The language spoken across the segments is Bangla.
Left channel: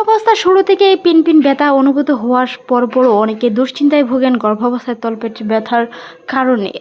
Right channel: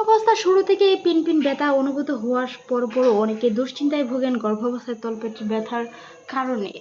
গর্ভাবস্থার শুরু থেকে পিনপিন ব্যথা অনুভূত হওয়ার পরপরও অনেকে দুশ্চিন্তায় ভোগেন গর্ভাবস্থায় তলপেটে ব্যথার কারণে।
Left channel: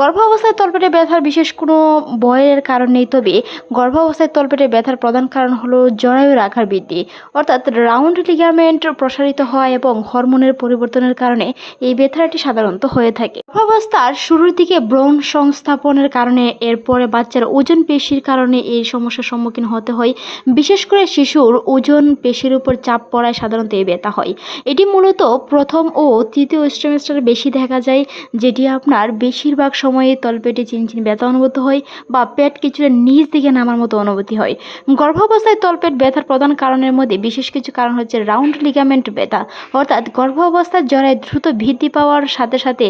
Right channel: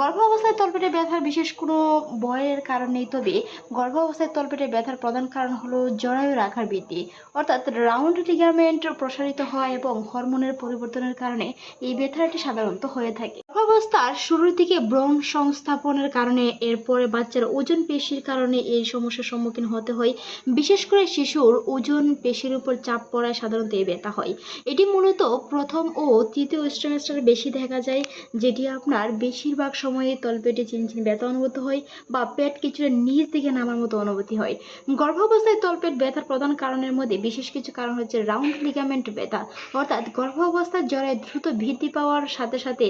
গর্ভাবস্থায় তলপেটে ব্যথার বিশেষ কোনো ভয়ের কারণ নেই, তবে গর্ভাবস্থায় তলপেটে ব্যথার প্রধান কারণ হলো জরায়ুর আকার বৃদ্ধি, অর্থাৎ রাউন্ড লিগামেন্ট প্রসারিত হওয়া এবং হরমোনের পরিবর্তনের কারণে এই ব্যথাটি সাধারণত হয়ে থাকে। গর্ভাবস্থার শুরুর দিকে ব্রণ সংস্থাপনের কারণে, এরপরে বাচ্চার ওজন পেশির কারণে এই সমস্যার সম্মুখীন হতে হয়। বিশেষ করে শিশুর ওজন পেশির উপর চাপ পড়ায় সাধারণত এই ব্যথা হয়। এটি মূলত প্রথম ও তৃতীয় স্ট্রিমেস্টারে বেশি দেখা যায়, যেটি আপনার বেশিরভাগ সময়ে তলপেটে চিনচিন ব্যথা অনুভূত হয় বা পেট কিছুটা নিচ দিকে নামার মতো অনুভূতি হয়। গর্ভাবস্থায় তলপেট ব্যথার প্রধান কারণের মধ্যে বিশেষ কিছু কারণ হচ্ছে রাউন্ড লিগামেন্ট ব্যথা, অর্থাৎ গর্ভাবস্থার জরায় দ্রুত বৃদ্ধি পাওয়ার সাথে সাথে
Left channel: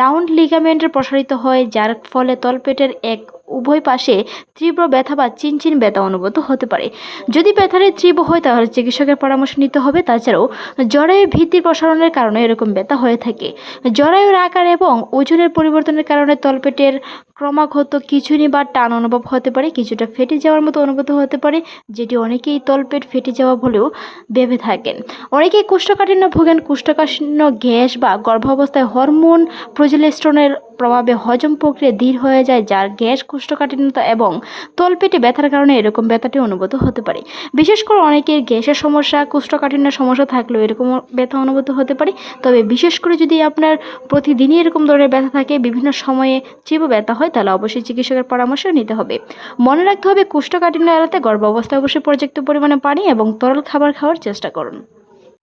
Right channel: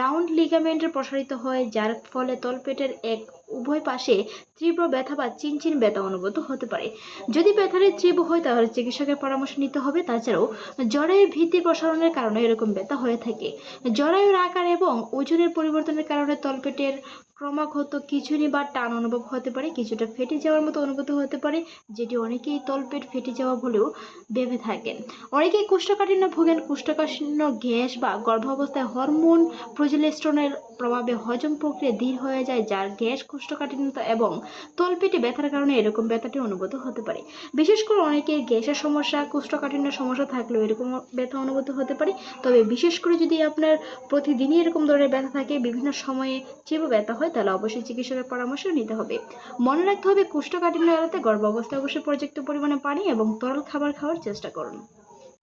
রাউন্ড লিগামেন্ট প্রসারিত হয়, যার ফলে তলপেটের উভয় পাশে তীব্র ব্যথা বা চিনচিন ব্যথা অনুভূত হতে পারে। যদি ব্যথাটি তীব্র হয় তাহলে চিকিৎসকের পরামর্শ নিতে হবে। তাছাড়াও জরায়ু ভিত্তির প্রসারণের কারণে এরকম ব্যথা হয়ে থাকে। জরায়ুর আকার এবং ওজনের পরিবর্তনের কারণে তলপেটের ক্রমাগত খিঁচুনি বা টান অনুভব হতে পারে, কিছুটা ফেটে যাওয়ার মতো অনুভূতি হতে পারে, যেটি অনেকেই তলপেট ফেটে যাওয়া বলেও ভেবে থাকেন। অনেকেই কোষ্ঠকাঠিন্য ভোগেন। কোষ্ঠকাঠিন্য গ্যাস বা গর্ভাবস্থায় হরমোন প্রজেস্টেরনের প্রভাবে হজম প্রক্রিয়া ধীর হয়ে যায়, যার গ্যাস, কোষ্ঠকাঠিন্যতা এবং তলপেটে ব্যথার কারণে এরকম ব্যথাটি অনুভূত হতে পারে। বিশেষ করে অনেকের গ্যাসের সমস্যা, কোষ্ঠকাঠিন্যের সমস্যা থাকলেও এরকম ব্যথা অনুভূত হতে পারে। তবে বিশেষ করে যদি আপনার প্রতিদিনই এরকম ধরনের ব্যথা থাকে, বিভিন্ন সময়ে তীব্র ব্যথা হয়, তাহলে অবশ্যই চিকিৎসকের পরামর্শ নিতে হবে। মনে রাখতে হবে, কোষ্ঠকাঠিন্য এড়াতে গর্ভাবস্থায় অবশ্যই পর্যাপ্ত পরিমাণে পানি এবং তরল খাবার খাওয়ার চেষ্টা করুন।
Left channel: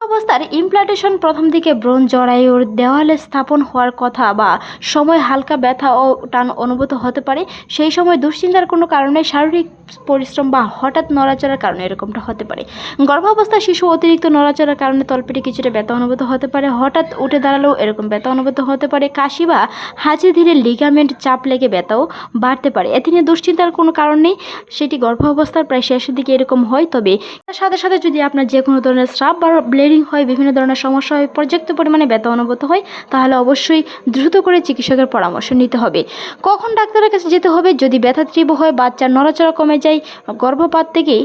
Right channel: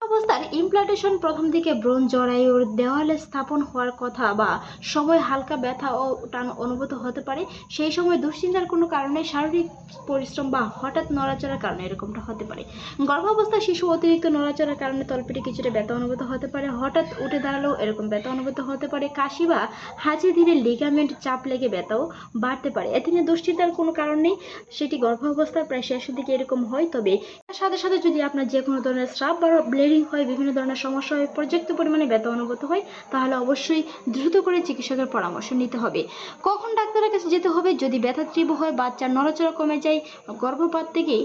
অবস্থার ইমপ্লান্টেশন প্রথম দিকে ব্রণ জরায়ুর দেওয়ালে স্থাপন হওয়ার কথা বা সময় হালকা ব্যথা ও টান অনুভূত হতে পারে। সেই সময় দুশ্চিন্তার কোনো কারণে, শারীরিক পরিশ্রম বা হঠাৎ নড়াচড়ার কারণে এরকমটা হতে পারে। গর্ভাবস্থায় শিশু অতিরিক্ত নড়াচড়ার কারণে তলপেটে কিছুটা ব্যথা অনুভূত হতে পারে। হঠাৎ উঠে দাঁড়ালেও এরকম ব্যথা অনুভূত হতে পারে। কাশি বা হাঁচি ধীরে লিগামেন্ট চাপ লেগে ব্যথাও বাড়তে পারে। এতে নিয়ে দুশ্চিন্তার কোনো কারণ নেই, সেটি গর্ভাবস্থার প্রায় শেষের দিকে এরকম হয়। তবে তার সাথে সাথে যদি আপনার যে কোনো ধরনের স্রাব বা ব্লিডিং হয়, বিভিন্ন ধরনের সমস্যা হয়, পর্যাপ্ত পরিমাণে ব্যথা অনুভূত হয়, তাহলে অবশ্যই দ্রুত করে চিকিৎসকের পরামর্শ নিতে হবে। কখন ডাক্তারের কাছে যেতে হবে? যদি ব্যথা তীব্র হয়, বাচ্চার নড়াচড়া কমে যায়, গর্ভপাত থেকেই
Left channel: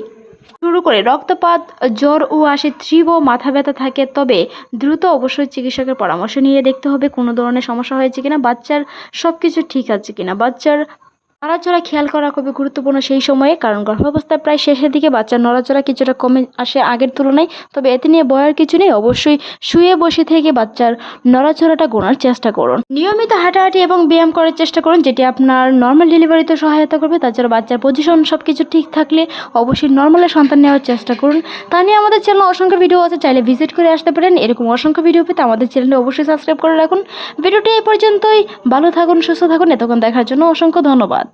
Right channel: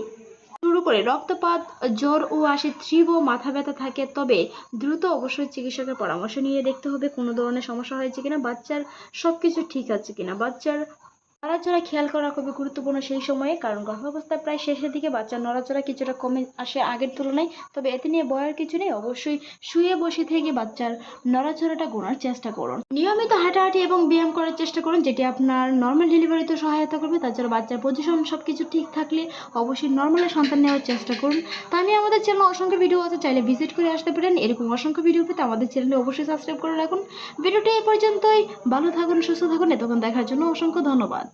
শুরু করে রক্তপাত, জ্বর ও আসে, তীব্র মাথা ব্যথা থাকে, তবে দ্রুত অবশ্যই চিকিৎসকের পরামর্শ নিয়ে দেখতে হবে কোনো ধরনের সমস্যা হয়েছে কিনা, বাচ্চার সবকিছু ঠিক আছে কিনা। বাচ্চার নড়াচড়া খেয়াল করা খুবই গুরুত্বপূর্ণ সেই সময়ে, কারণ গর্ভাবস্থার প্রায় শেষের দিকে বাচ্চার নড়াচড়া কিছুটা কমে আসে আগের তুলনায়। তবে এতে নিয়ে ভয়ের কিছু নেই। অবশ্যই শুয়ে বসে থেকে বাচ্চার নড়াচড়াটা গোনার চেষ্টা করুন। নিয়মিত হাঁটাহাঁটি এবং ব্যায়াম করার চেষ্টা করুন, যেটি আপনার নর্মাল ডেলিভারিতে সহায়তা করবে। তাছাড়া বাচ্চার পজিশন সবকিছু ঠিক থাকলে অবশ্যই নর্মালে সন্তান নেওয়ার চেষ্টা করুন। তা নিয়ে আমাদের চ্যানেলে অসংখ্য ভিডিও আছে, চাইলে ভিজিট করে আসতে পারেন। এরকম অসংখ্য ভিডিও পেতে আমাদের চ্যানেলে অবশ্যই সাবস্ক্রাইব করে রাখুন। ভিডিওটি এই পর্যন্তই। ভালো থাকুন, সুস্থ থাকুন। এতক্ষণ দেখার জন্য অসংখ্য ধন্যবাদ।